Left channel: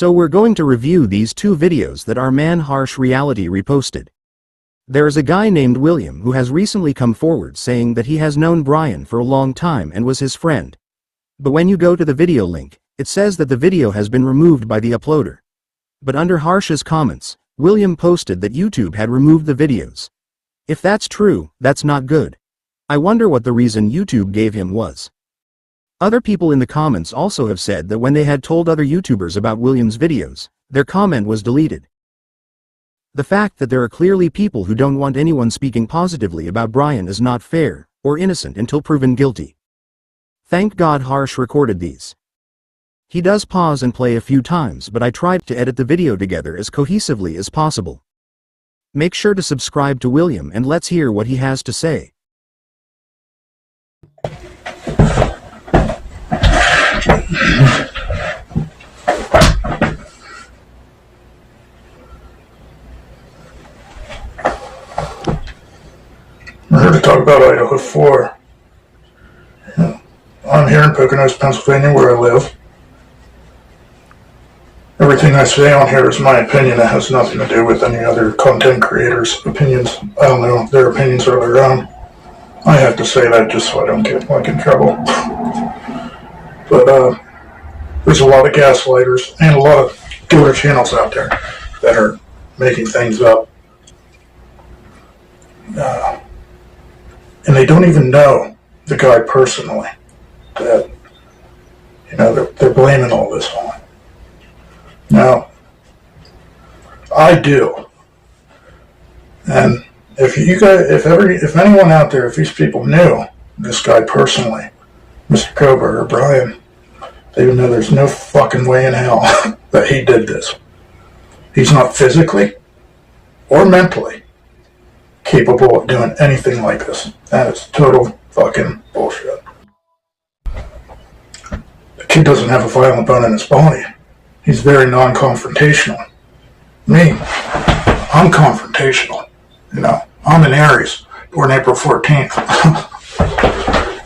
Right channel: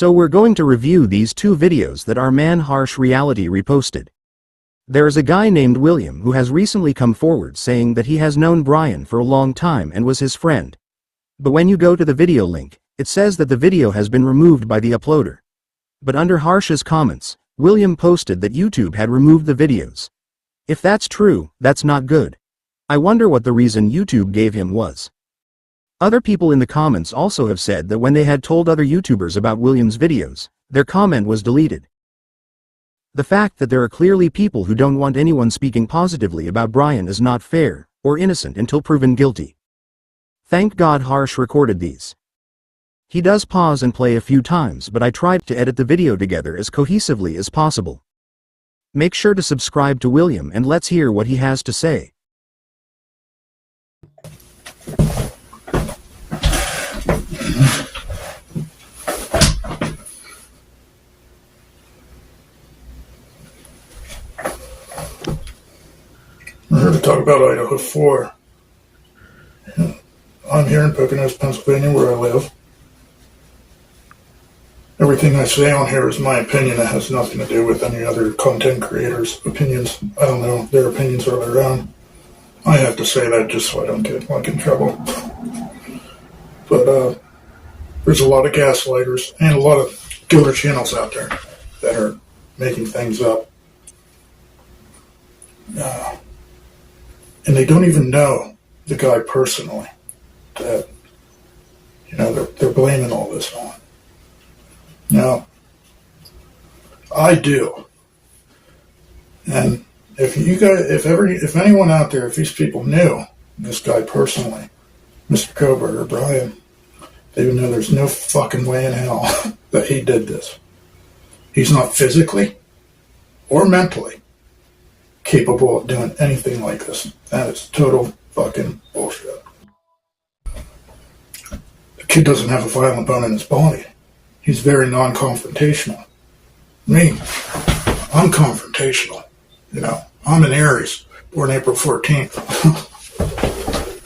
So we're going to review these two videos that our man Harsh Reality reposted. There is a guy named William who has recently come forward saying that he has known Bryan for a long time and was his friend. But when you go to the video link, it says that the video has been removed by the uploader. But under Harsh's comments, William posted that YouTube had removed the videos. If that's true, that's not good. I wonder what the reason YouTube gave him was. Other people in the comments also have said that when they had told other YouTubers about William's videos, their comment was deleted. The fact that there are clearly people who don't want anyone speaking positively about Bryan is not fair, or innocent until proven guilty. Thank God Harsh recorded these. He does pause and play a few times, but I tried to edit the video together as cohesively as possible. Make sure to subscribe to William and let's hear what he has to say. I'm here to talk about Idaho 4. I'm here in Poconos, Pennsylvania, where I live. Everything I say on here is my opinion. It has nothing to do with any other content creators' opinions. I don't know. Their opinions are their own. I have to say that just so I don't get in trouble. But there's a lot of gaslighters and a lot of killer channels out there that are making things up. And they don't even know the guy personally. That, they're blaming all this on. Now, I do. And if anyone out there, if these people knew this guy personally, Mr. Kohberger, Bryan, they would know there's no fucking way in hell that he did this. He's not physically or mentally capable of doing anything like this. That is total fucking bullshit. The kid doesn't have a violent bone in his body. He's very non-confrontational. Me, I'm confrontational. I'm an Aries, born April 14th.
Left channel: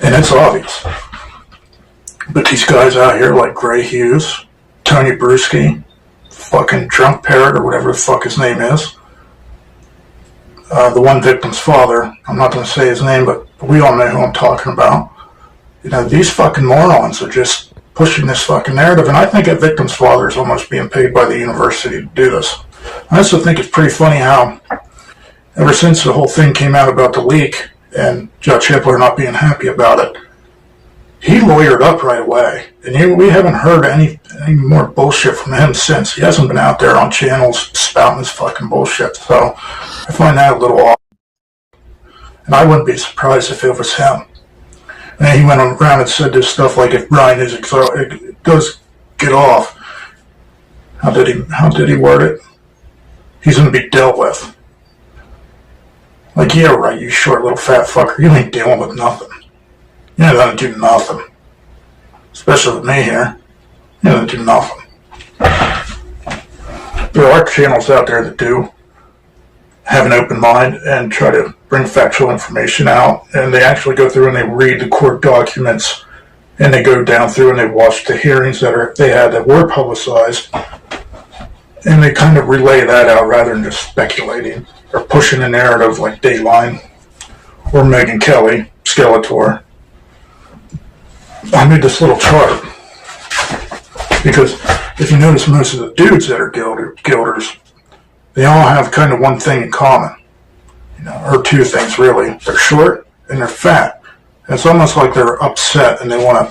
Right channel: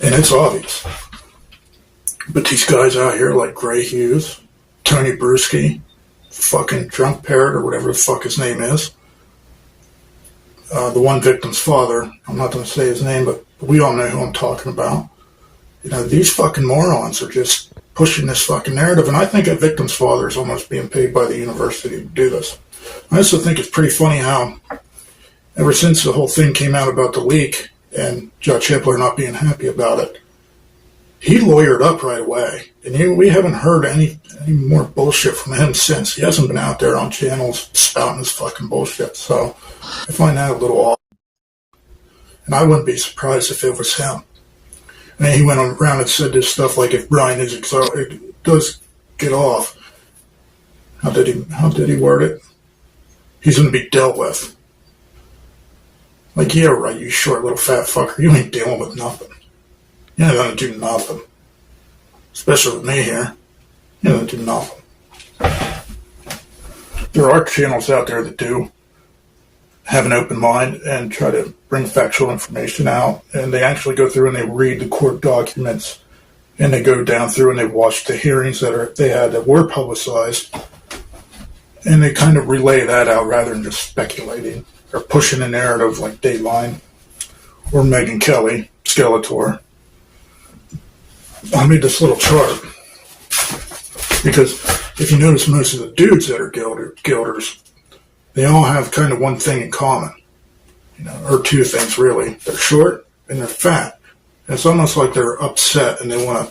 And it's obvious. But these guys out here like Gray Hughes, Tony Bruschi, fucking Drunk Parrot or whatever the fuck his name is, the one victim's father, I'm not going to say his name, but we all know who I'm talking about. These fucking morons are just pushing this fucking narrative, and I think that victim's father is almost being paid by the university to do this. I also think it's pretty funny how, ever since the whole thing came out about the leak, and Judge Hippler not being happy about it, he lawyered up right away, and we haven't heard any more bullshit from him since. He hasn't been out there on channels spouting his fucking bullshit, so I find that a little odd. And I wouldn't be surprised if it was him. And he went around and said this stuff like, if Bryan does get off, how did he word it? He's going to be dealt with. Like, yeah, right, you short little fat fucker, you ain't dealing with nothing. You're not going to do nothing. Especially with me here. You're not going to do nothing. There are channels out there that do have an open mind and try to bring factual information out, and they actually go through and they read the court documents, and they go down through and they watch the hearings that were publicized, and they kind of relay that out rather than just speculating or pushing a narrative like Dateline or Megyn Kelly, Skeletor. I made this little chart because if you notice, most of the dudes that are guilders, they all have kind of one thing in common, or two things really. They're short and they're fat. And it's almost like they're upset and they want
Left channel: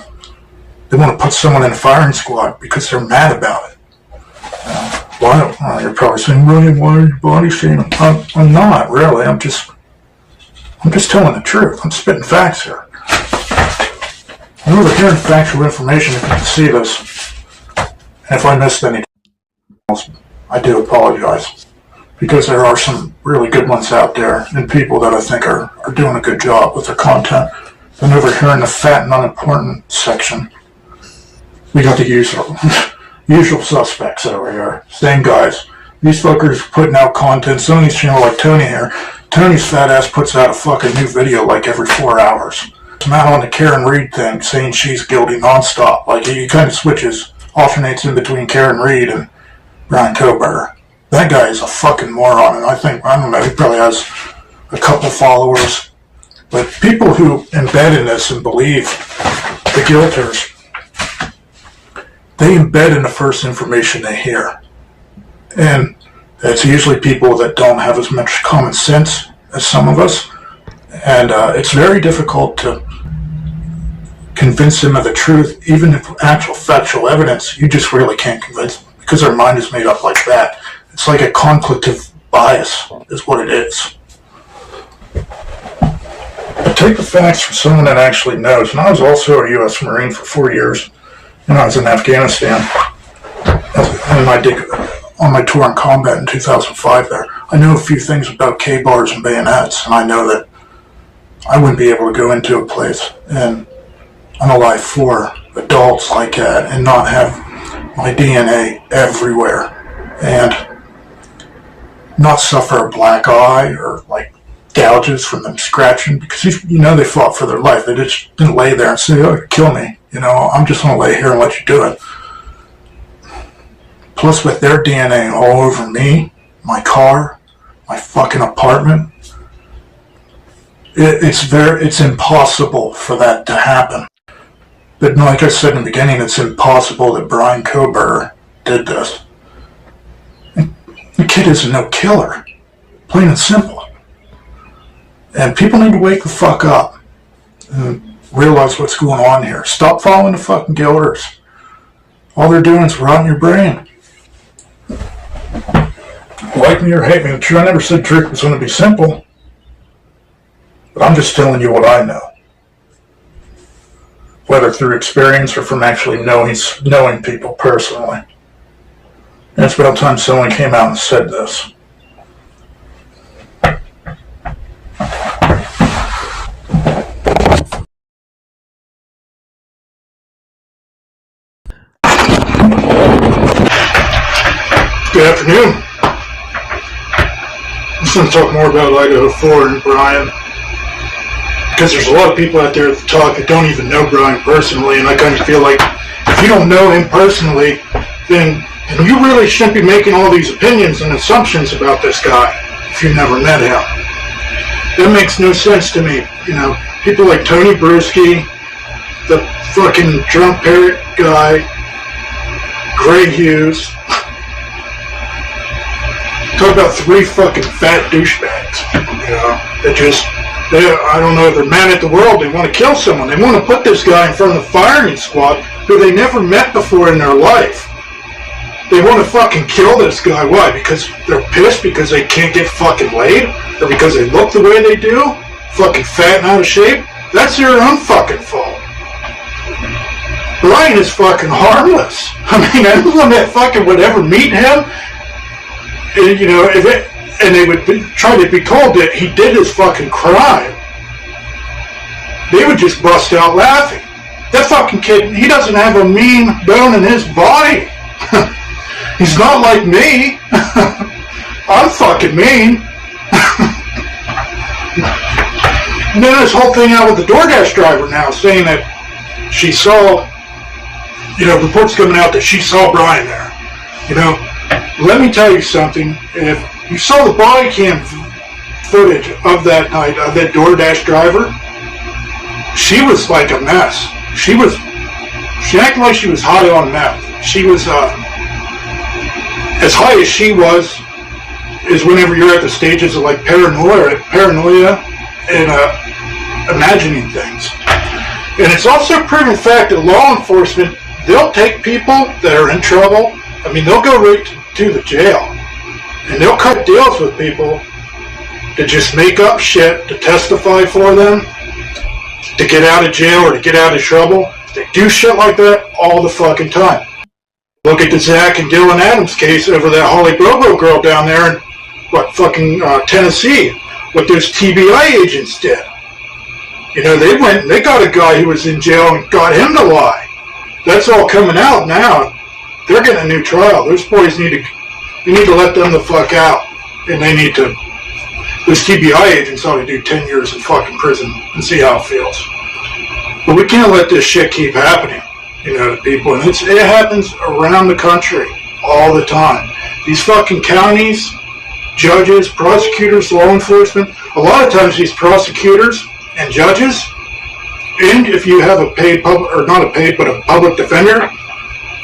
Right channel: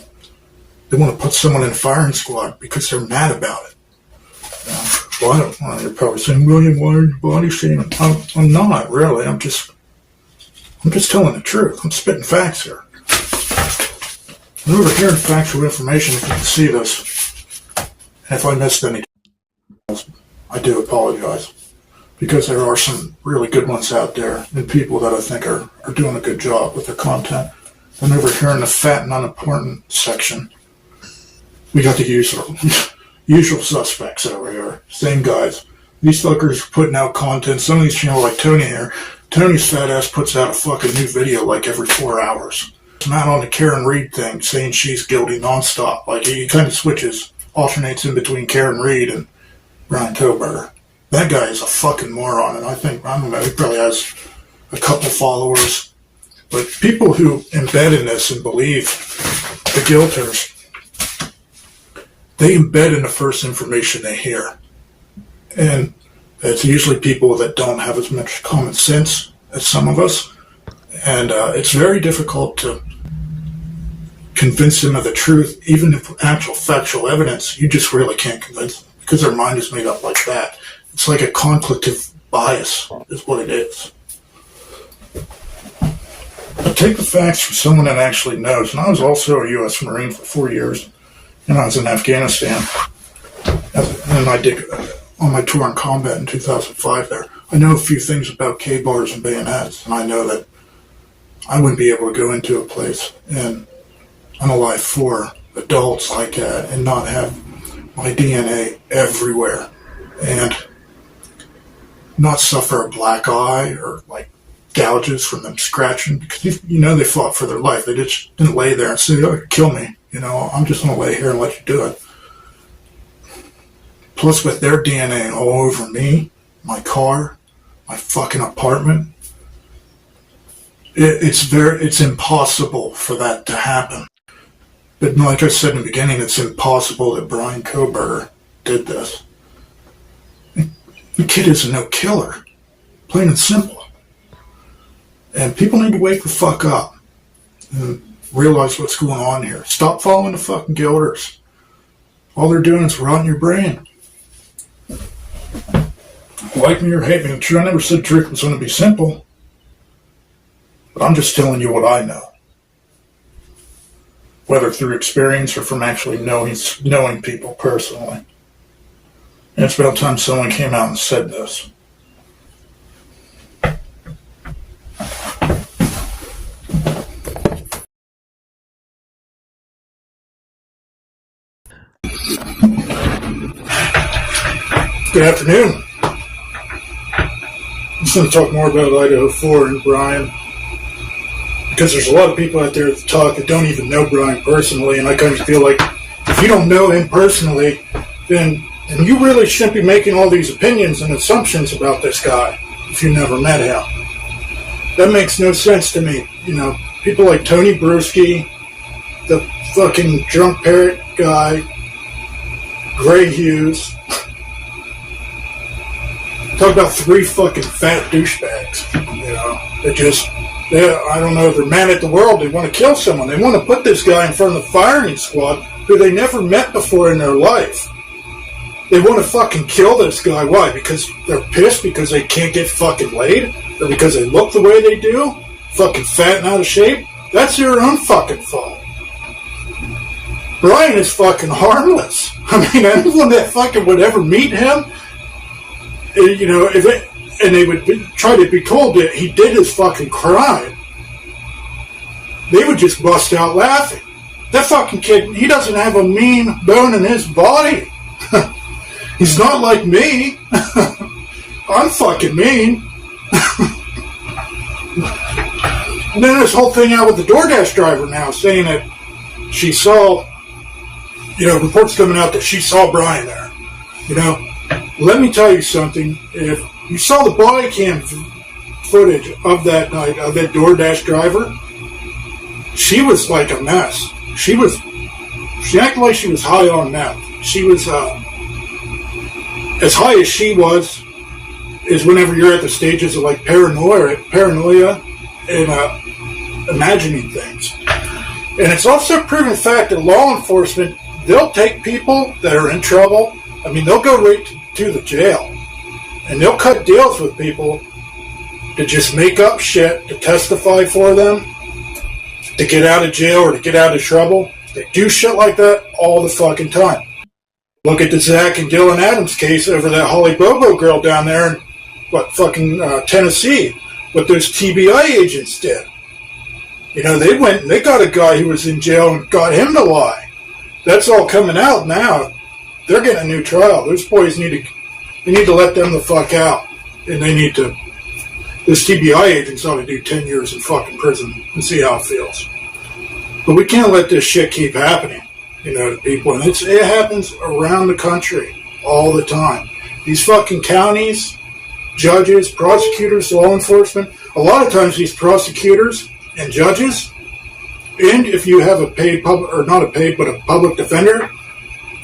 to put someone in a firing squad because they're mad about it. You're probably saying, William, why are you body shaming? I'm not really. I'm just telling the truth. I'm spitting facts here. I'm over here in factual information if you can see this. And if I missed any, I do apologize. Because there are some really good ones out there and people that I think are doing a good job with their content. Then over here in the fat and unimportant section, we got the usual suspects over here. Same guys. These fuckers putting out content. Some of these channels like Tony here. Tony's fat ass puts out a fucking new video like every 4 hours. I'm out on the Karen Reed thing saying she's guilty nonstop. Like he kind of alternates in between Karen Reed Bryan Kohberger. That guy is a fucking moron, and I don't know, he probably has a couple followers. But people who embed in this and believe the guilters, they embed in the first information they hear. And it's usually people that don't have as much common sense as some of us. And it's very difficult to convince them of the truth, even if actual factual evidence, you just really can't convince them because their mind is made up like that. It's like a conflictive bias is what it is. But take the facts from someone that actually knows. And I was also a U.S. Marine for 4 years, and I was in Afghanistan. And I did on my tour in combat in 2005 there. I know a few things about K-bars and bayonets, and I know that I wouldn't be able to go into a place and unalive 4 adults like that and not have my DNA everywhere and not suffer a black eye or like gouges from them scratching, because they fought for their life. They just didn't lay there and say, "Oh, kill me." I'm just going to lay here and let you do it. Plus, with their DNA all over me, my car, my fucking apartment, it's impossible for that to happen. But like I said in the beginning, it's impossible that Bryan Kohberger did this. The kid is no killer, plain and simple. And people need to wake the fuck up and realize what's going on here. Stop following the fucking guilters. All they're doing is rotting your brain. Like me or hate me, I never said truth was going to be simple. But I'm just telling you what I know. Whether through experience or from actually knowing people personally. And it's about time someone came out and said this. Good afternoon. I'm just going to talk more about Idaho 4 and Bryan, because there's a lot of people out there that don't even know Bryan personally, and I kind of feel like if you don't know him personally, then you really shouldn't be making all these opinions and assumptions about this guy if you never met him. That makes no sense to me. People like Tony Bruschi, the fucking drunk parrot guy, Gray Hughes. Talk about 3 fucking fat douchebags, I don't know, they're mad at the world, they want to kill someone, they want to put this guy in front of the firing squad who they never met before in their life. They want to fucking kill this guy. Why? Because they're pissed because they can't get fucking laid? Or because they look the way they do? Fucking fat and out of shape? That's their own fucking fault. Bryan is fucking harmless. Anyone that fucking would ever meet him, and they would try to be told that he did his fucking crime, they would just bust out laughing. That fucking kid, he doesn't have a mean bone in his body. He's not like me. I'm fucking mean. And then this whole thing out with the DoorDash driver now saying that she saw, reports coming out that she saw Bryan there. Let me tell you something. If you saw the body cam footage of that night, of that DoorDash driver, she was like a mess. She acted like she was high on meth. She was, as high as she was, is whenever you're at the stages of like paranoia and imagining things. And it's also a proven fact that law enforcement, they'll take people that are in trouble. They'll go right to the jail. And they'll cut deals with people to just make up shit to testify for them, to get out of jail or to get out of trouble. They do shit like that all the fucking time. Look at the Zach and Dylan Adams case over that Holly Bobo girl down there in Tennessee, what those TBI agents did. They went and they got a guy who was in jail and got him to lie. That's all coming out now. They're getting a new trial. Those boys need to let them the fuck out. And those TBI agents ought to do 10 years in fucking prison and see how it feels. But we can't let this shit keep happening, to people. And it happens around the country all the time. These fucking counties, judges, prosecutors, law enforcement, a lot of times these prosecutors and judges, and if you have a paid public, or not a paid, but a public defender,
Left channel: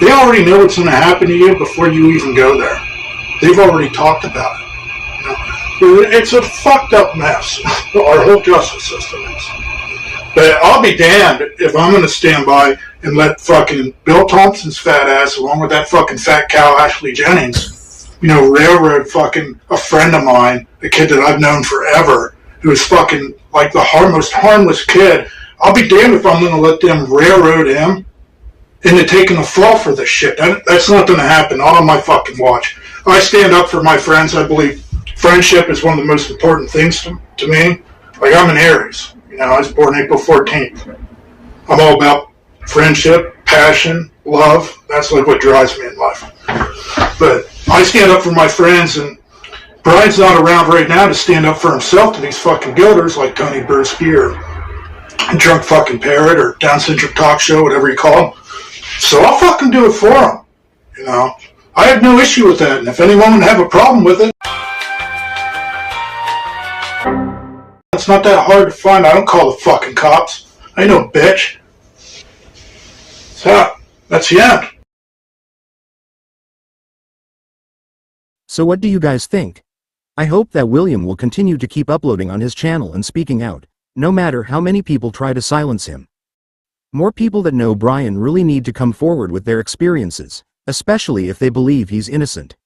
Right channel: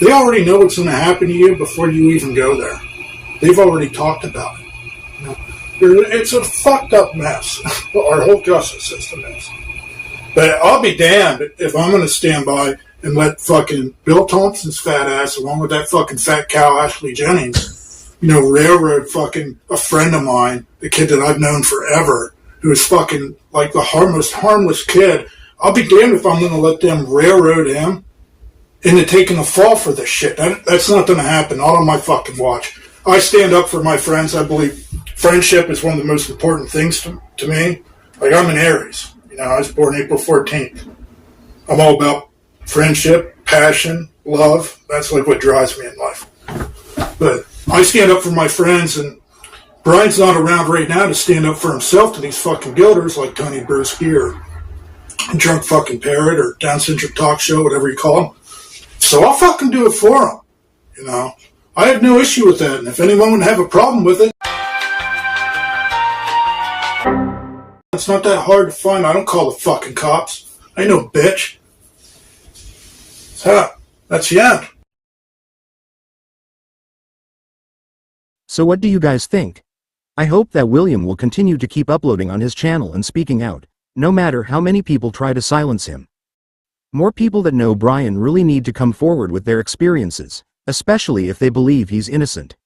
they already know what's going to happen to you before you even go there. They've already talked about it. It's a fucked up mess. Our whole justice system is. But I'll be damned if I'm going to stand by and let fucking Bill Thompson's fat ass, along with that fucking fat cow Ashley Jennings, railroad fucking a friend of mine, a kid that I've known forever, who's fucking like the most harmless kid. I'll be damned if I'm going to let them railroad him into taking a fall for this shit. That's not going to happen. Not on my fucking watch. I stand up for my friends. I believe friendship is one of the most important things to me. Like, I'm an Aries. I was born April 14th. I'm all about friendship, passion, love. That's like what drives me in life. But I stand up for my friends, and Bryan's not around right now to stand up for himself to these fucking builders like Tony Bursky or Drunk Fucking Parrot or Down Syndrome Talk Show, whatever you call them. So I'll fucking do it for him. I have no issue with that. And if anyone would have a problem with it, it's not that hard to find. I don't call the fucking cops. I ain't no bitch. So, that's the end. So what do you guys think? I hope that William will continue to keep uploading on his channel and speaking out, no matter how many people try to silence him. More people that know Bryan really need to come forward with their experiences, especially if they believe he's innocent.